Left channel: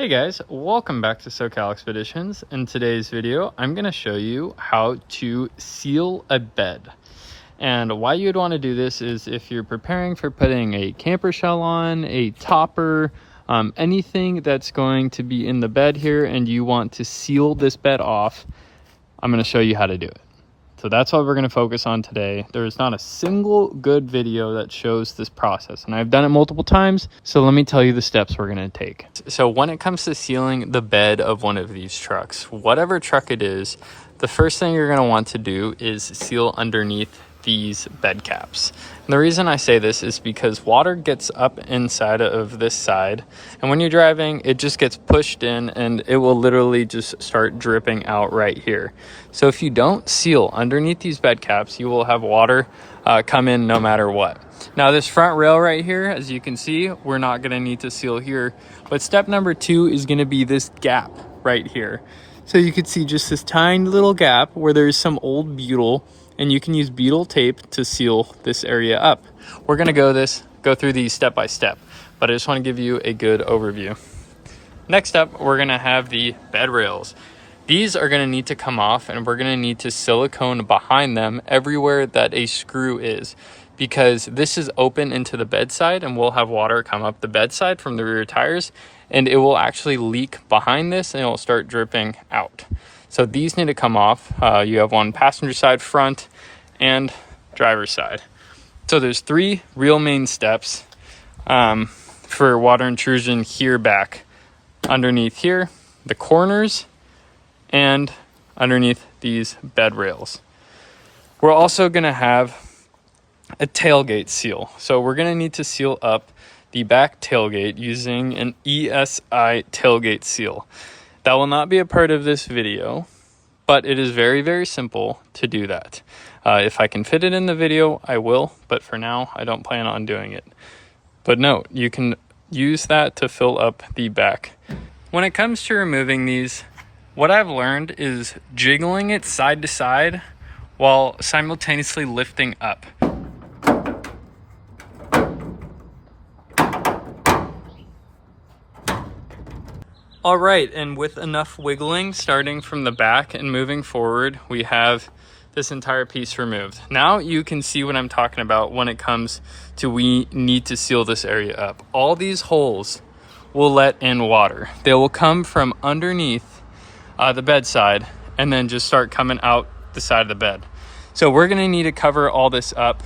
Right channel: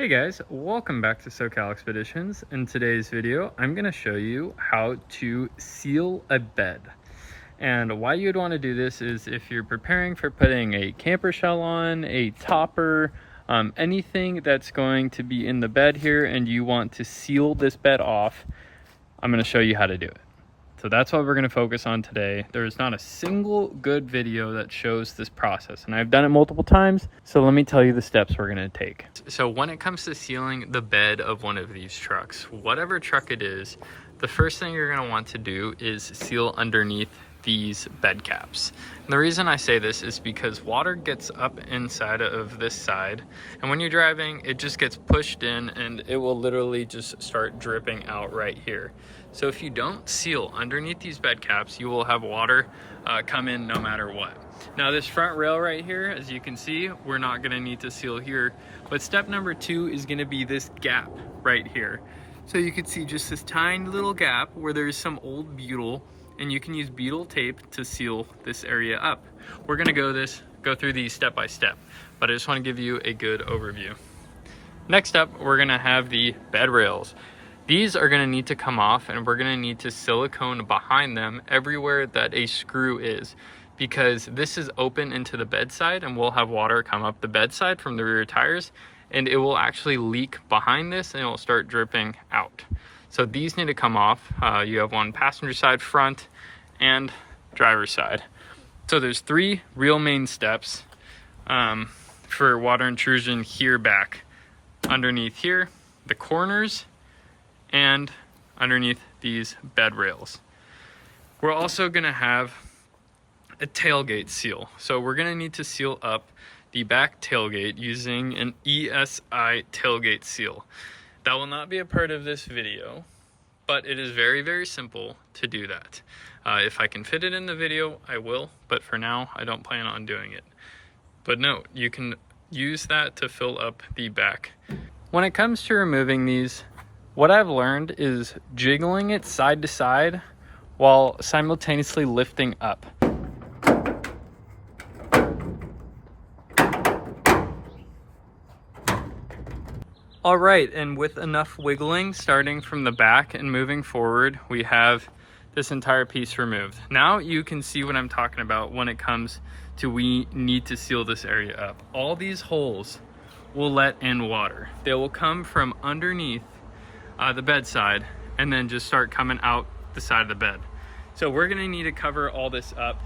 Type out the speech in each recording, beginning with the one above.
Hey guys, welcome back to SoCal Expeditions. In today's video, I'm going to show you how to seal a bed. And why you'd want to do this is if you're preparing for putting a camper shell on, a topper, anything that's going to be in the bed here and you want to seal this bed off, I'm going to show you how to do it. So that's what we're going to focus on today. There's not a single good video that shows this process, and I've done it multiple times. So let me tell you the steps we're going to take. So when it comes to sealing the bed of one of these trucks, whatever truck it is, the first thing you're going to want to do is seal underneath these bed caps. And the reason I say this is because water gets up inside of this side, and when you're driving, it just gets pushed in and it will literally just start dripping out right here. So if you don't seal underneath these bed caps, you will have water come in no matter what. Now this front rail right here, as you can see, we're not going to need to seal here, but step number 2 is going to be this gap right here. So you can see just this tiny little gap where there's some old butyl, and you can use butyl tape to seal this area up. We're gonna go through these step by step, but I just wanna give you a good overview. Next up, we're gonna have the bed rails. These are gonna need to come off, and we're gonna need to silicone behind them everywhere that a screw is, because this is open into the bedside and we'll have water come up the bedside from the rear tires, and it will actually leak behind this and it will start dripping out. So these need to come off. You have one passenger side, front, and driver's side. So there's 3 real main steps for water intrusion here back. Underneath here, the corners, and underneath these bed rails. We're also gonna have a tailgate seal. So we're gonna need to seal up the back tailgate using an ESI tailgate seal. That will not be a part of this video, but it is very, very simple to do that. If I can fit it in the video, I will, but for now, I don't plan on doing it. But note, you can use that to fill up the back. When it comes to removing these, what I've learned is jiggling it side to side while simultaneously lifting up. All right, and with enough wiggling, starting from the back and moving forward, we have this entire piece removed. Now you can see what I'm talking about when it comes to we need to seal this area up. All these holes will let in water. They will come from underneath the bedside and then just start coming out the side of the bed. So we're gonna need to cover all this up.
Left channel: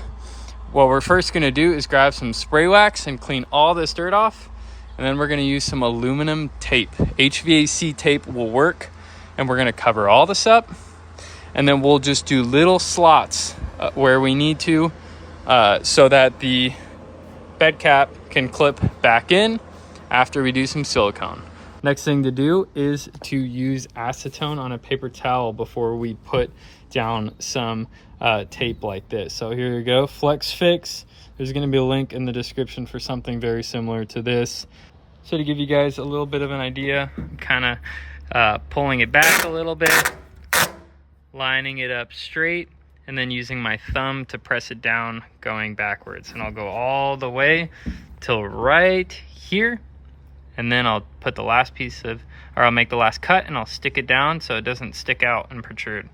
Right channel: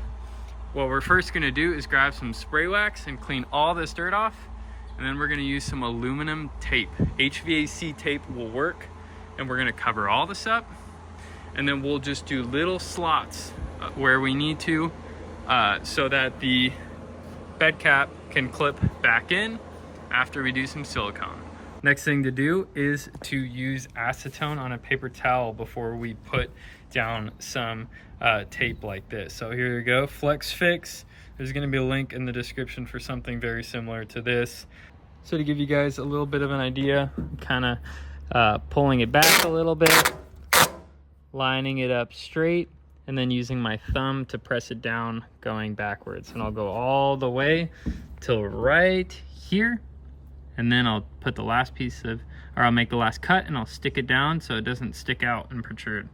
What we're first gonna do is grab some spray wax and clean all this dirt off. And then we're gonna use some aluminum tape. HVAC tape will work, and we're gonna cover all this up. And then we'll just do little slots where we need to so that the bed cap can clip back in after we do some silicone. Next thing to do is to use acetone on a paper towel before we put down some tape like this. So here you go, Flex Fix. There's gonna be a link in the description for something very similar to this. So to give you guys a little bit of an idea, I'm kind of pulling it back a little bit, lining it up straight, and then using my thumb to press it down going backwards. And I'll go all the way till right here. And then I'll put the last I'll make the last cut and I'll stick it down so it doesn't stick out and protrude.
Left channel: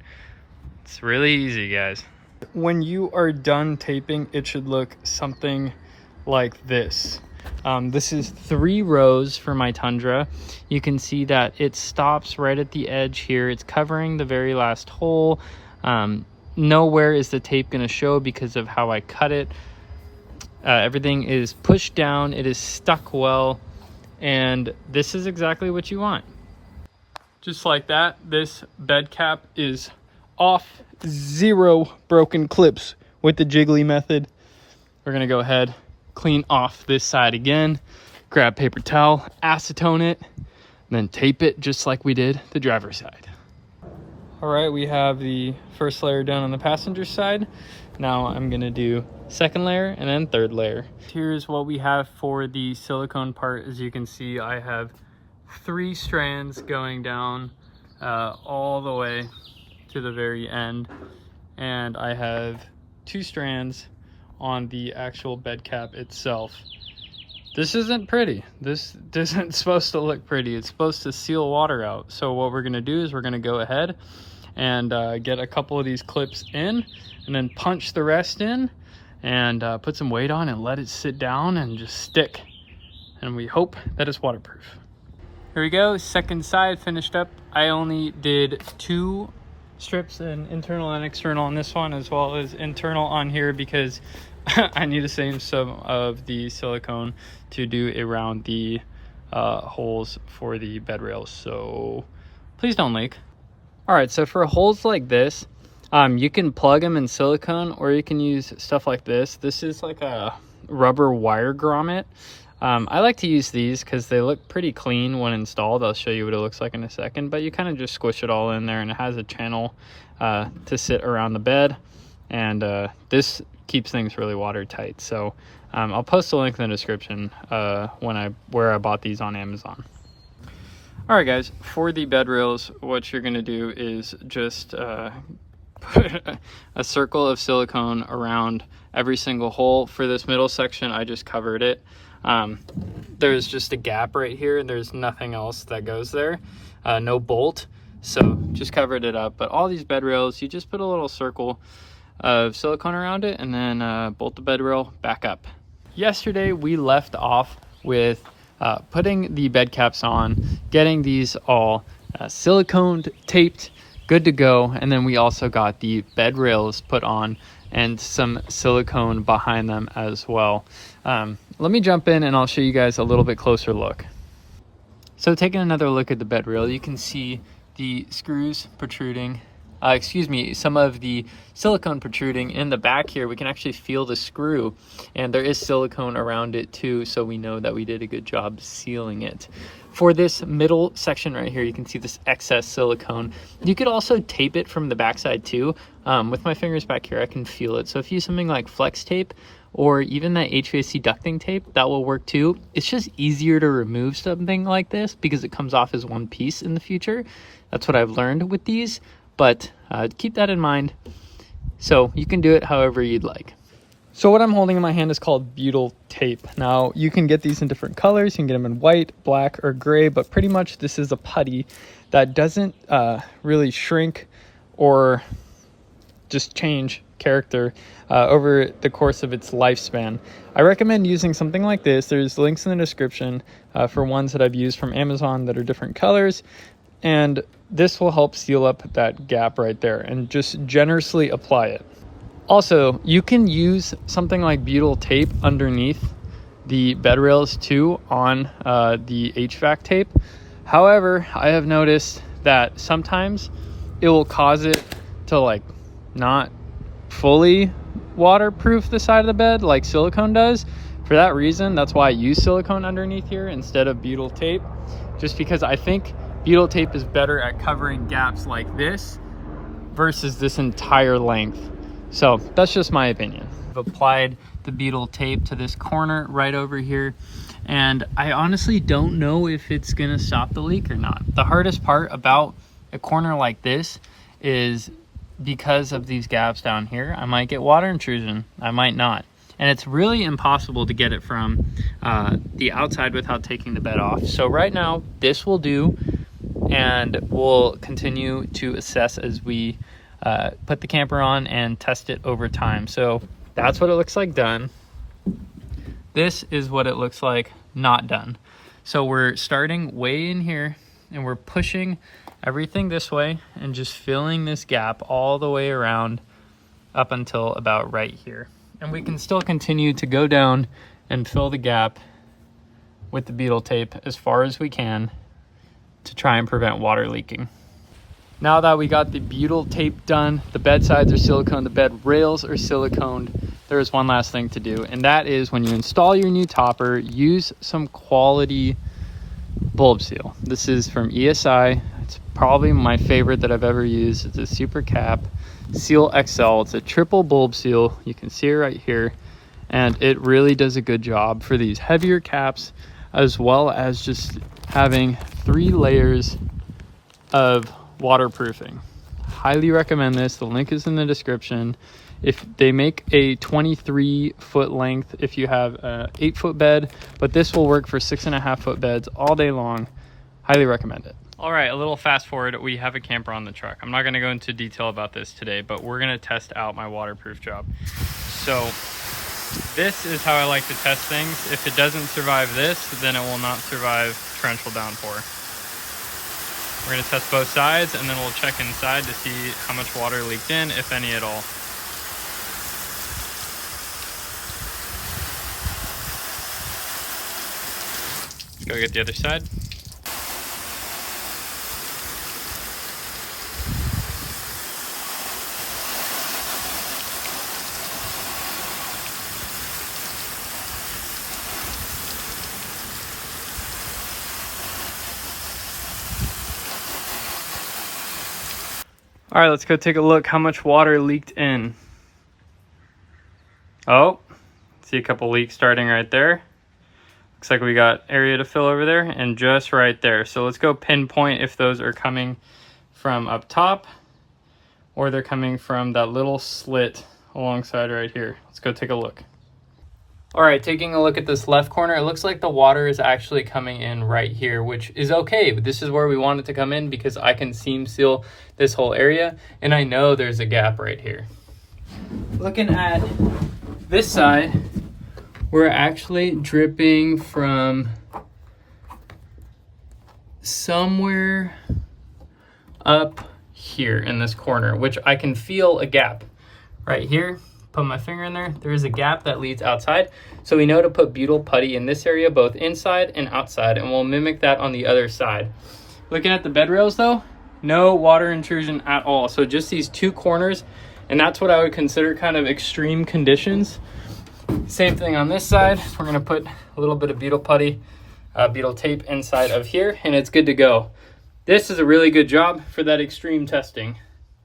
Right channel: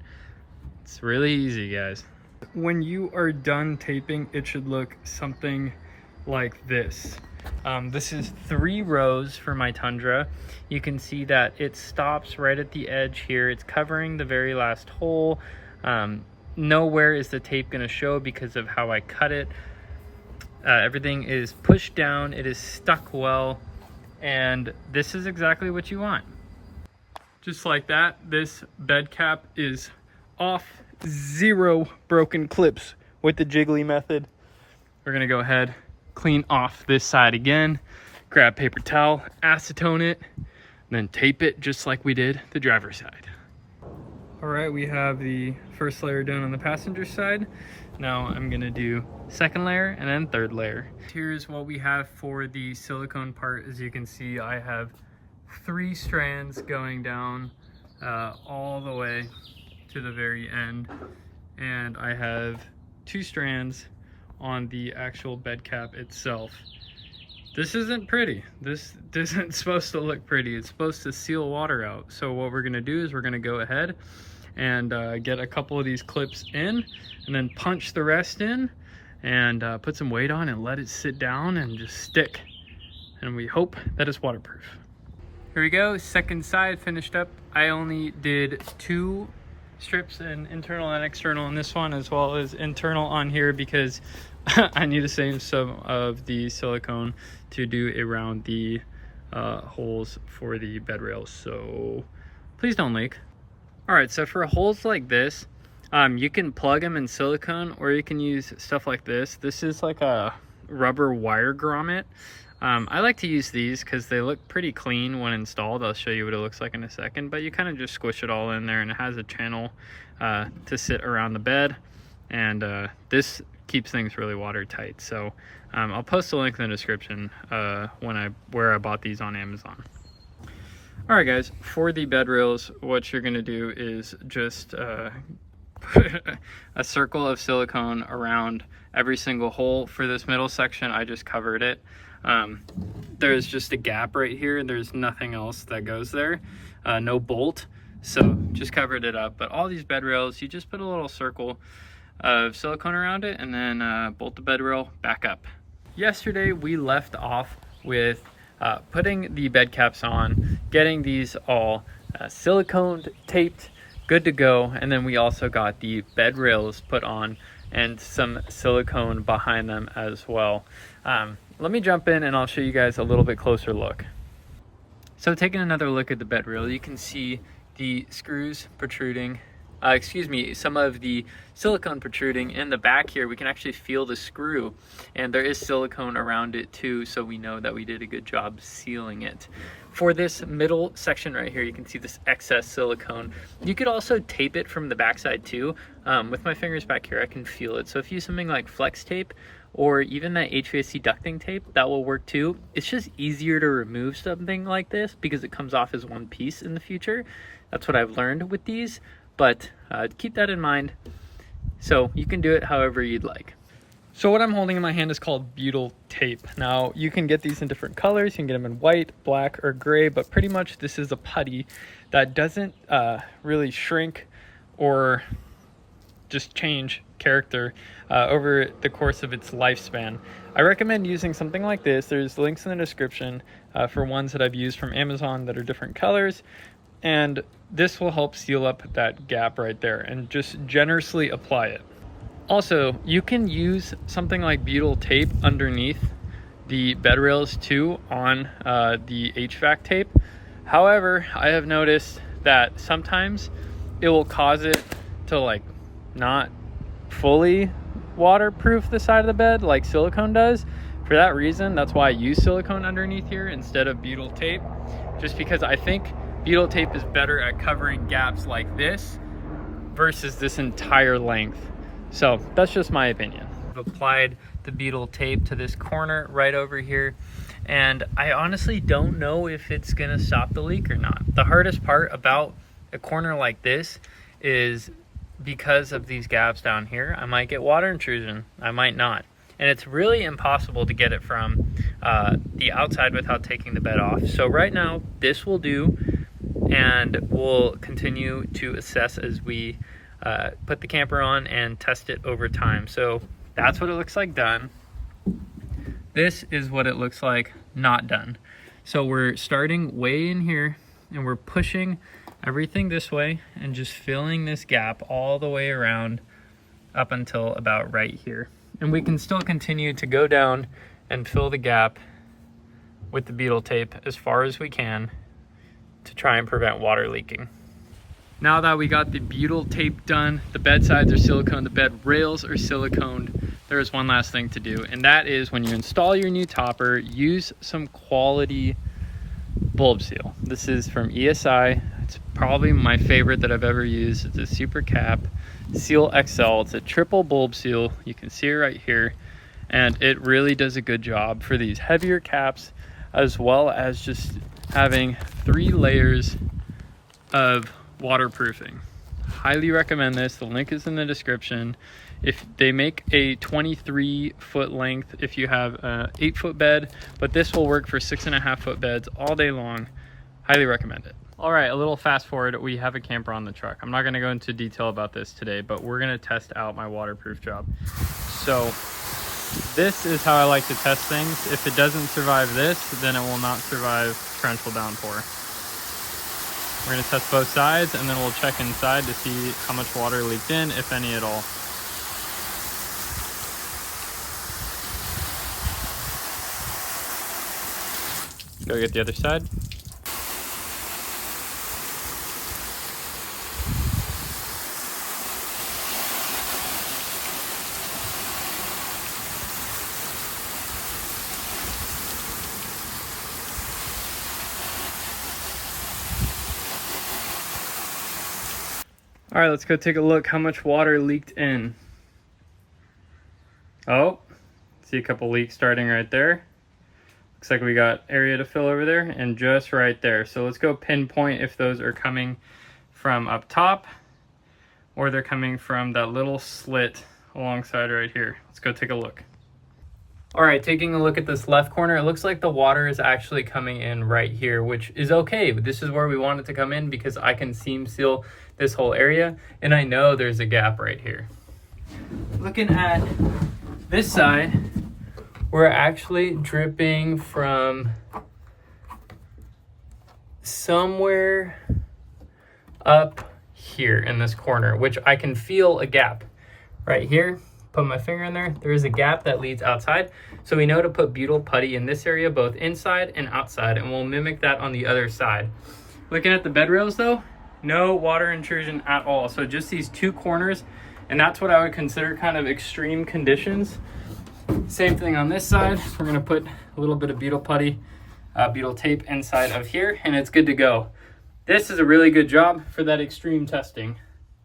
It's really easy, guys. When you are done taping, it should look something like this. This is 3 rows for my Tundra. You can see that it stops right at the edge here. It's covering the very last hole. Nowhere is the tape going to show because of how I cut it. Everything is pushed down. It is stuck well. And this is exactly what you want. Just like that, this bed cap is off. 0 broken clips with the jiggly method. We're going to go ahead, clean off this side again, grab paper towel, acetone it, then tape it just like we did the driver's side. All right, we have the first layer done on the passenger side. Now I'm gonna do second layer and then third layer. Here's what we have for the silicone part. As you can see, I have 3 strands going down all the way to the very end, and I have 2 strands on the actual bed cap itself. this isn't pretty. This isn't supposed to look pretty. It's supposed to seal water out. So what we're gonna do is we're gonna go ahead and get a couple of these clips in and then punch the rest in and put some weight on and let it sit down and just stick. And we hope that it's waterproof. Here we go, second side finished up. I only did 2 strips, in internal and external on this one, as well as internal on here, because I need to save some of the silicone to do around the holes for the bed rails, so please don't leak. All right, so for holes like this, you can plug them in silicone, or you can use stuff like this. This is like a rubber wire grommet. I like to use these because they look pretty clean when installed. I'll show you what it looks like in a second, but you kind of just squish it all in there, and it has a channel to sit around the bed, and this keeps things really watertight. So I'll post a link in the description where I bought these on Amazon. All right, guys, for the bed rails, what you're gonna do is just put a circle of silicone around every single hole. For this middle section, I just covered it. There's just a gap right here, and there's nothing else that goes there, no bolt, so just covered it up. But all these bed rails, you just put a little circle of silicone around it, and then bolt the bed rail back up. Yesterday we left off with putting the bed caps on, getting these all siliconed, taped, good to go, and then we also got the bed rails put on and some silicone behind them as well. Let me jump in and I'll show you guys a little bit closer look. So taking another look at the bed rail, you can see the screws protruding, some of the silicone protruding in the back here. We can actually feel the screw, and there is silicone around it too, so we know that we did a good job sealing it. For this middle section right here, you can see this excess silicone. You could also tape it from the backside too. With my fingers back here, I can feel it. So if you use something like flex tape, or even that HVAC ducting tape, that will work too. It's just easier to remove something like this because it comes off as one piece in the future. That's what I've learned with these, but keep that in mind. So you can do it however you'd like. So what I'm holding in my hand is called butyl tape. Now you can get these in different colors. You can get them in white, black, or gray, but pretty much this is a putty that doesn't really shrink or just change character over the course of its lifespan. I recommend using something like this. There's links in the description for ones that I've used from Amazon that are different colors, and this will help seal up that gap right there, and just generously apply it. Also, you can use something like butyl tape underneath the bed rails too on the HVAC tape. However, I have noticed that sometimes it will cause it to like not fully waterproof the side of the bed like silicone does. For that reason, that's why I use silicone underneath here instead of butyl tape, just because I think butyl tape is better at covering gaps like this versus this entire length. So that's just my opinion. I've applied the butyl tape to this corner right over here, and I honestly don't know if it's gonna stop the leak or not. The hardest part about a corner like this is because of these gaps down here, I might get water intrusion, I might not. And it's really impossible to get it from the outside without taking the bed off. So right now, this will do, and we'll continue to assess as we put the camper on and test it over time. So that's what it looks like done. This is what it looks like not done. So we're starting way in here, and we're pushing everything this way and just filling this gap all the way around up until about right here. And we can still continue to go down and fill the gap with the butyl tape as far as we can to try and prevent water leaking. Now that we got the butyl tape done, the bed sides are silicone, the bed rails are siliconed, there is one last thing to do, and that is when you install your new topper, use some quality bulb seal. This is from ESI. It's probably my favorite that I've ever used. It's a Super Cap Seal XL. It's a triple bulb seal. You can see it right here, and it really does a good job for these heavier caps, as well as just having 3 layers of waterproofing. Highly recommend this. The link is in the description. If they make a 23-foot length if you have a 8-foot bed, but this will work for 6.5-foot beds all day long. Highly recommend it. All right, a little fast forward. We have a camper on the truck. I'm not gonna go into detail about this today, but we're gonna test out my waterproof job. So this is how I like to test things. If it doesn't survive this, then it will not survive torrential downpour. We're gonna test both sides and then we'll check inside to see how much water leaked in, if any at all. Go get the other side. All right, let's go take a look how much water leaked in. Oh, see a couple leaks starting right there. Looks like we got area to fill over there and just right there. So let's go pinpoint if those are coming from up top or they're coming from that little slit alongside right here. Let's go take a look. All right, taking a look at this left corner, it looks like the water is actually coming in right here, which is okay. But this is where we want it to come in because I can seam seal this whole area and I know there's a gap right here. Looking at this side, we're actually dripping from somewhere up here in this corner, which I can feel a gap right here. Put my finger in there, there is a gap that leads outside. So we know to put butyl putty in this area, both inside and outside, and we'll mimic that on the other side. Looking at the bed rails though, no water intrusion at all. So just these two corners, and that's what I would consider kind of extreme conditions. Same thing on this side. We're gonna put a little bit of butyl putty, butyl tape inside of here, and it's good to go. This is a really good job for that extreme testing.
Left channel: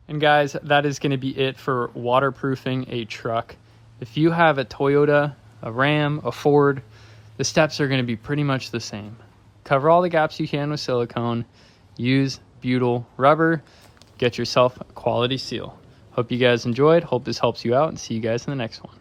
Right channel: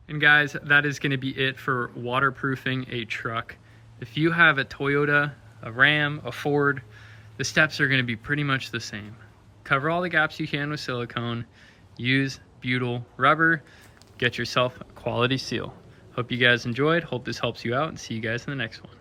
And guys, that is gonna be it for waterproofing a truck. If you have a Toyota, a Ram, a Ford, the steps are gonna be pretty much the same. Cover all the gaps you can with silicone, use butyl rubber, get yourself a quality seal. Hope you guys enjoyed, hope this helps you out, and see you guys in the next one.